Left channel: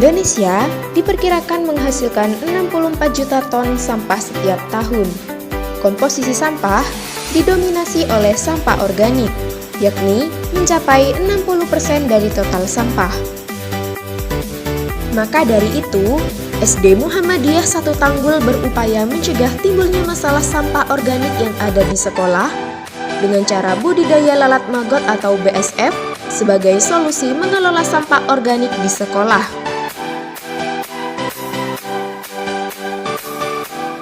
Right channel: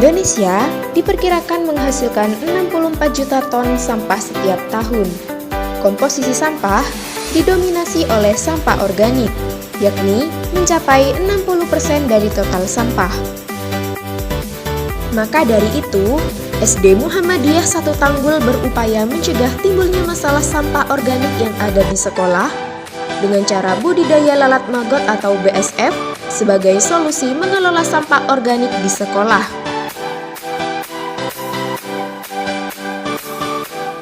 Indonesia diperkirakan menghasilkan 64 juta ton sampah setiap tahun. Komposisi sampah didominasi oleh sampah organik, yakni mencapai 60% dari total sampah. Maka dari itu, SD Muhammadiyah 1 Tanggul berupaya mencegah timbulnya masalah sampah organik yang ada di sekolah dengan cara budidaya lalat maggot atau BSF sebagai solusi mengelola sampah organik di sekolah.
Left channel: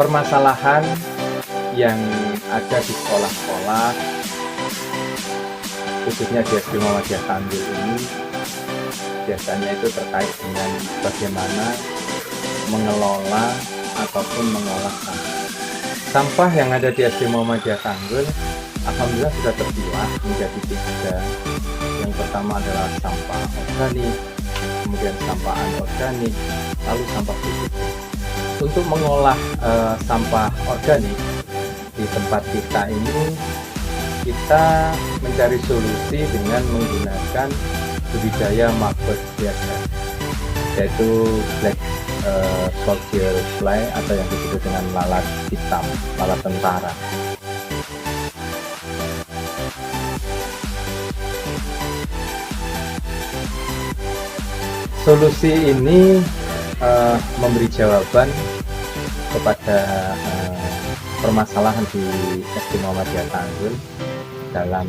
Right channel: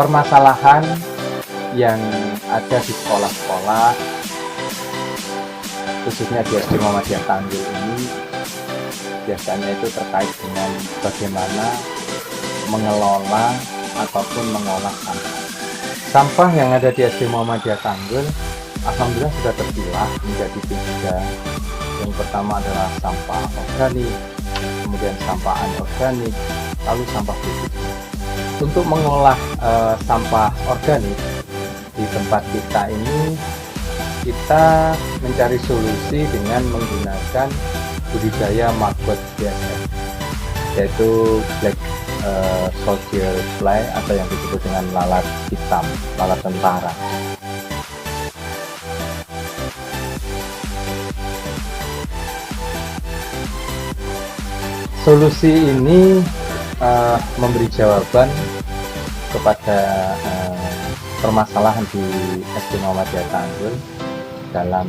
Permasalahan yang ada di sekolah-sekolah, khususnya di SD Muhammadiyah Tanggul ini, biasanya itu terkait dengan bagaimana mengelola ataupun mengolah sampah. Sampah yang ada di SD Muhammadiyah Tanggul, alhamdulillah sudah terpilah menjadi 3. Yang pertama adalah sampah organik, kemudian sampah anorganik, lalu sampah fisik. Untuk mengolah sampah organik di tempat kita ini, kita mencari solusi dengan menggunakan budidaya maggot BSF, yaitu black soldier fly atau yang disebut dengan lalat hitam, lalat tentara. Solusi ini memberi jawaban kepada permasalahan di SD Muhammadiyah Tanggul dalam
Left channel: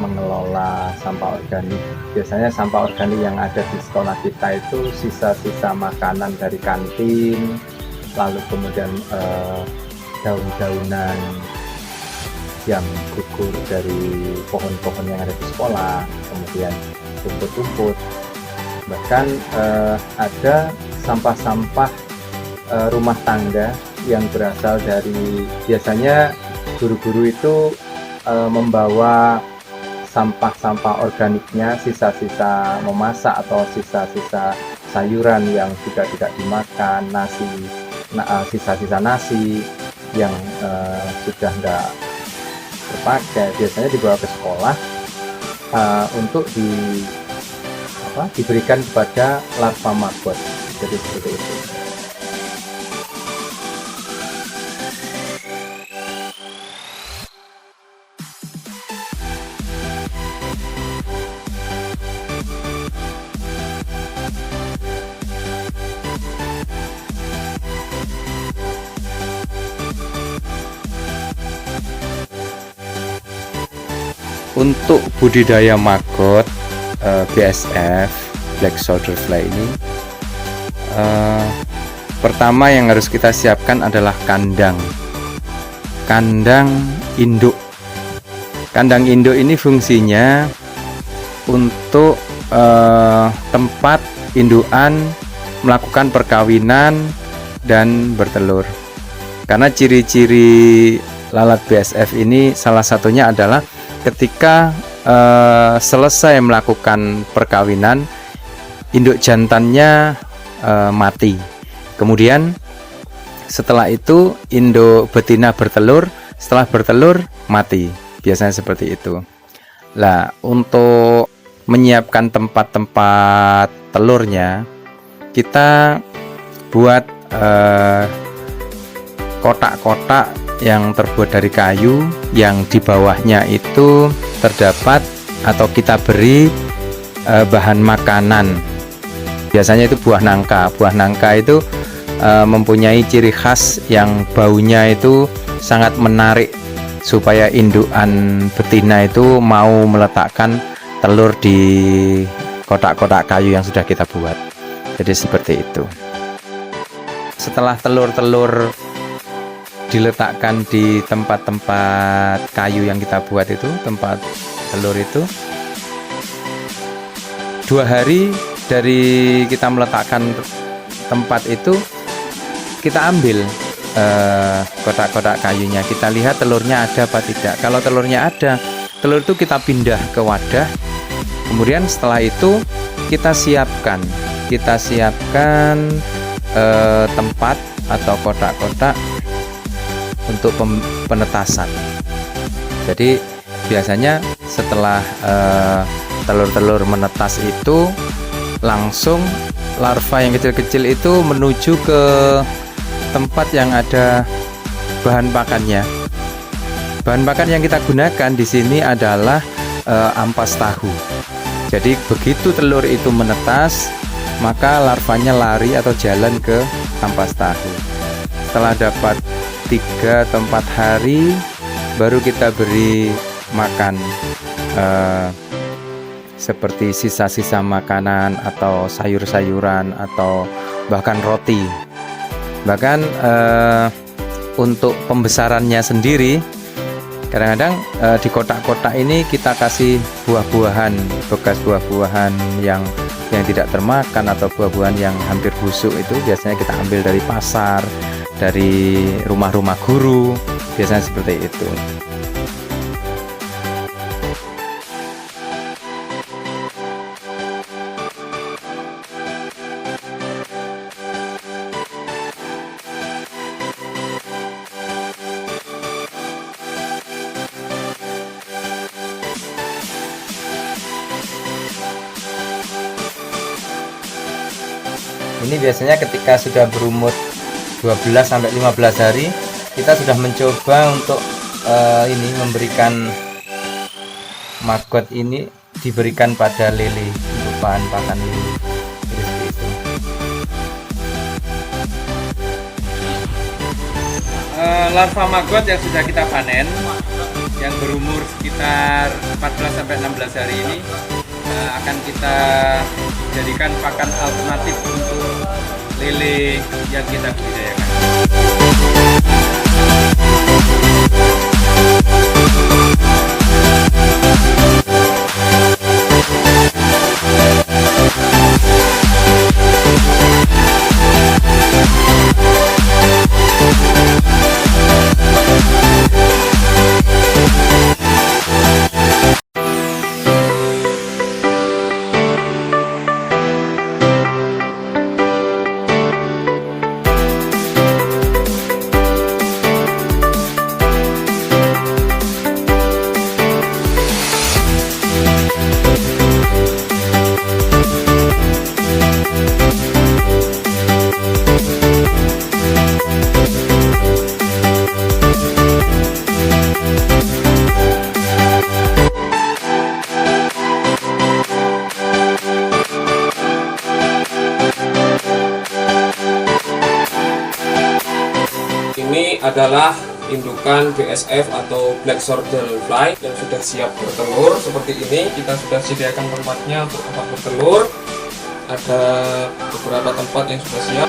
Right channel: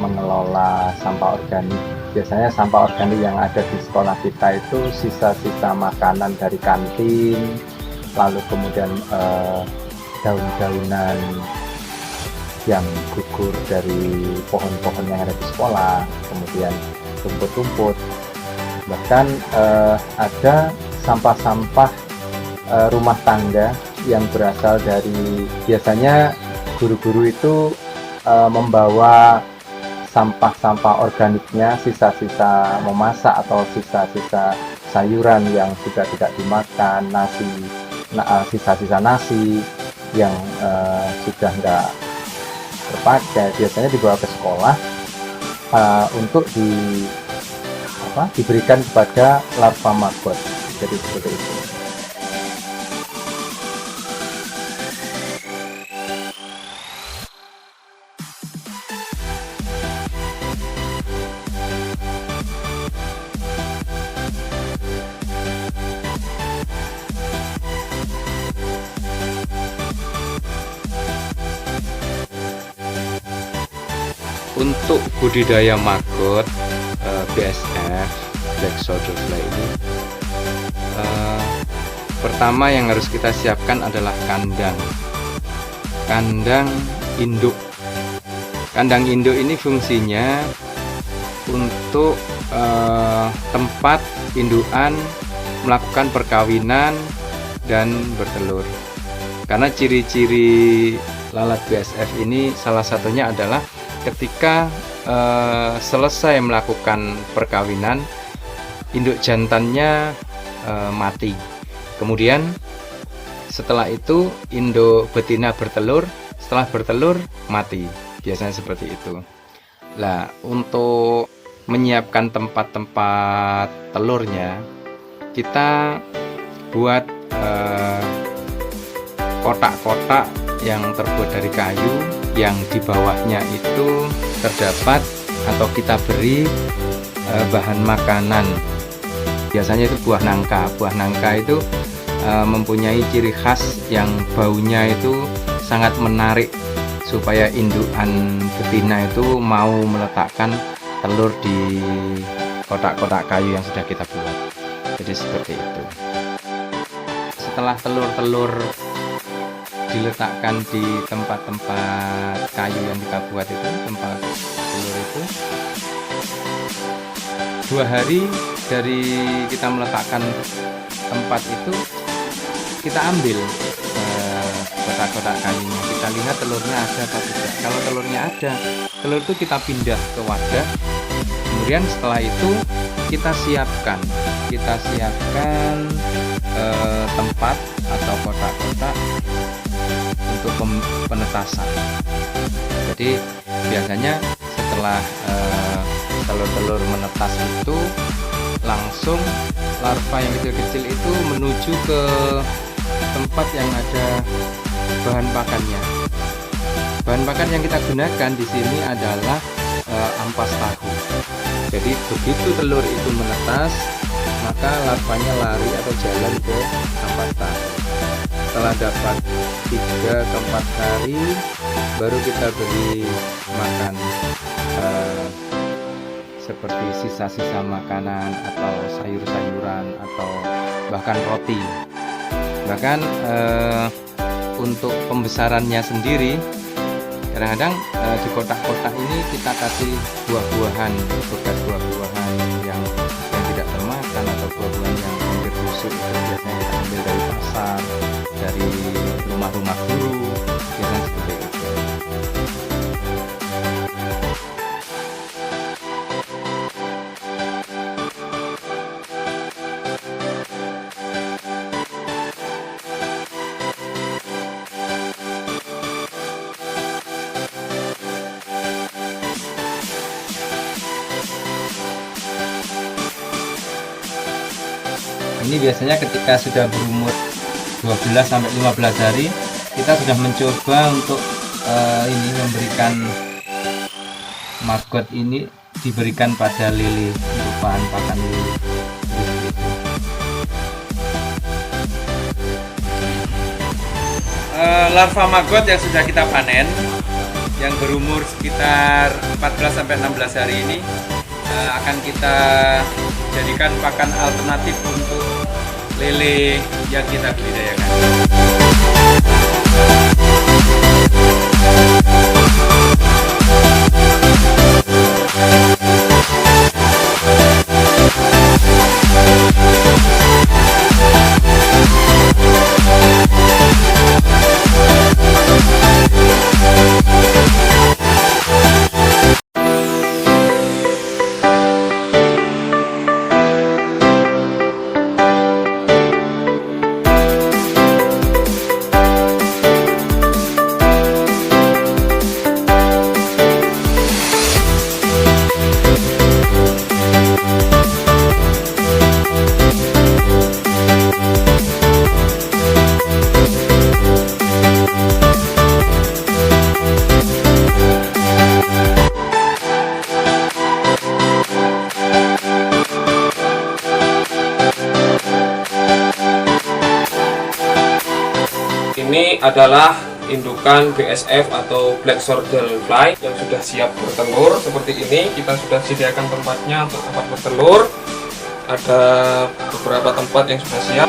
mengelola sampah organik. Biasanya sampah organik yang ada di sekolah kita itu sisa-sisa makanan dari kantin, lalu kemudian daun-daunan yang gugur dari pohon-pohon yang ada di sekolah, kemudian rumput-rumput. Bahkan ada sampah-sampah rumah tangga yang berasal dari, biasanya guru-guru itu membawa sampah-sampah organiknya, sisa-sisa memasak atau sisa-sisa sayuran yang sudah tidak dimakan, sisa-sisa nasi yang sudah tidak terpakai, biasanya dibawa ke sekolah untuk diberikan kepada larva maggot. Jadi seperti itu. Untuk budidaya maggot BSF Black Soldier Fly ini, pertama yang harus kita siapkan adalah kandang induk. Kandang induk ini fungsinya untuk tempat indukan melakukan perkawinan dan bertelur. Karena ciri-ciri lalat BSF ini salah satunya adalah ketika selesai melakukan perkawinan, induk jantannya mati. Kemudian setelah itu induk betina bertelur, setelah bertelur mati. Biasanya seperti itu. Nah, untuk menyiapkan tempat-tempat telurnya, kita buat kotak-kotak yang terbuat dari kayu, yang di bawahnya itu terdapat atau kita beri bahan makanan. Biasanya itu buah nangka. Buah nangka itu mempunyai ciri khas yang baunya itu sangat menarik, supaya indukan betina itu mau meletakkan telur di kotak-kotak kayu yang sudah kita buat. Jadi seperti itu. Setelah telur-telur diletakkan di tempat-tempat kayu yang kita buat itu, tempat telur itu, 2 hari dari kita meletakkan tempat itu, kita ambil kotak-kotak kayunya, kita lihat telurnya ada apa tidak. Kalau telurnya ada, telur itu kita pindah ke wadah. Kemudian setelah itu kita siapkan tempat atau kotak-kotak untuk penetasan. Jadi biasanya setelah telur-telur menetas itu langsung larva yang kecil-kecil itu menuju ke tempat yang ada bahan pakannya. Bahan pakan yang kita gunakan di sini adalah ampas tahu. Jadi begitu telur itu menetas, maka larvanya lari atau jalan ke ampas tahu. Setelah dapat 3 atau 4 hari, baru kita beri makan seperti sisa-sisa makanan atau sayur-sayuran atau bahkan roti. Bahkan untuk pembesarannya sendiri, kadang-kadang di kotak-kotak ini kita kasih buah-buahan, bekas buah-buahan yang tidak termakan atau buah-buahan yang hampir busuk, itu biasanya kita ambil dari pasar, dari rumah-rumah guru, biasanya seperti itu. Ini biasanya ketika sudah berumur 12-15 hari, kita sudah mencoba untuk memberikan maggot ini diberikan pada lele, untuk bahan pakan lele. Larva maggot yang sudah kita panen, yang berumur sekitar 14-16 hari ini, akan kita jadikan pakan alternatif untuk lele yang kita budidayakan. Ini adalah indukan BSF atau Black Soldier Fly yang sudah siap bertelur. Seperti ini, kita sudah sediakan tempatnya untuk tempat bertelur. Ada beberapa tempat yang sudah siap.